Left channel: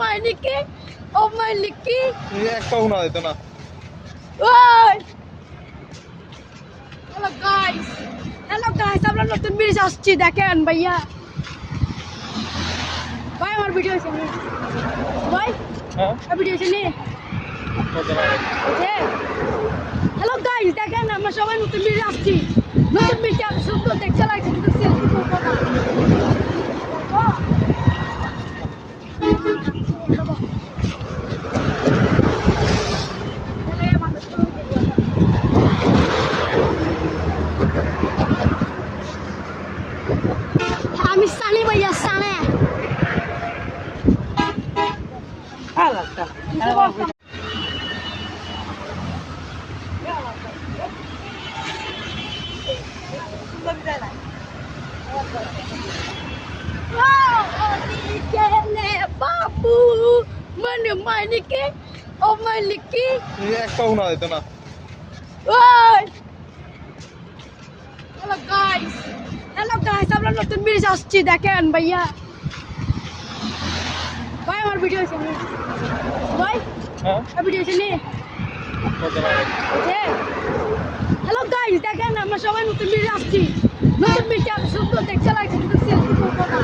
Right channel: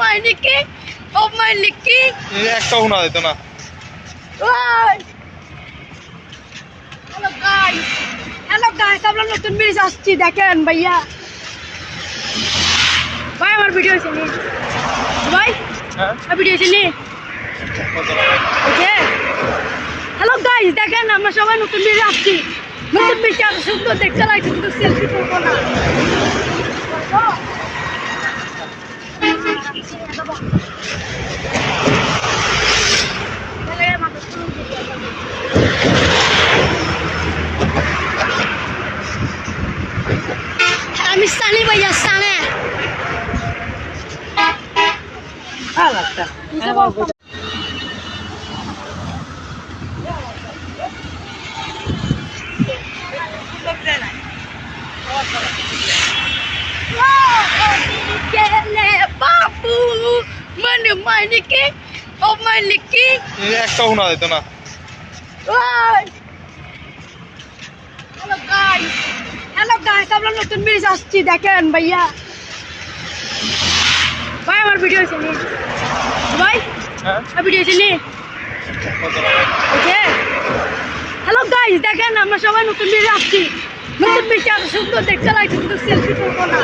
মাইনিকি ও মাইনিকি একটা শোনা যেত না। ওই হ্যালো গাইস আমরা নতুন ব্রিজ আসছি দেখেন ভাইয়া ভাই আমার ভিডিও আছে নি ভাই হ্যাঁ ভিডিও আছে নি ওকে হ্যালো গাইস দেখেন আমরা সবাই নতুন ব্রিজ আসছি নতুন ব্রিজ এত সুন্দর দেখতে লাগছে কিন্তু সেলফি তুলবো না আমি সানি ভাইয়া সানে আলাদা বাবু মানে মাইনিকি ও মাইনিকি একটা শোনা যেত না। ওই হ্যালো গাইস আমরা নতুন ব্রিজ আসছি দেখেন ভাইয়া ভাই আমার ভিডিও আছে নি ভাই হ্যাঁ ভিডিও আছে নি ওকে হ্যালো গাইস দেখেন আমরা সবাই নতুন ব্রিজ আসছি নতুন ব্রিজ এত সুন্দর দেখতে লাগছে কিন্তু সেলফি তুলবো না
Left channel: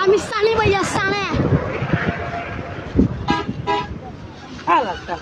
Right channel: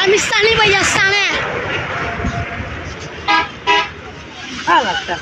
আমি সানি ভাইয়া সানে আলাদা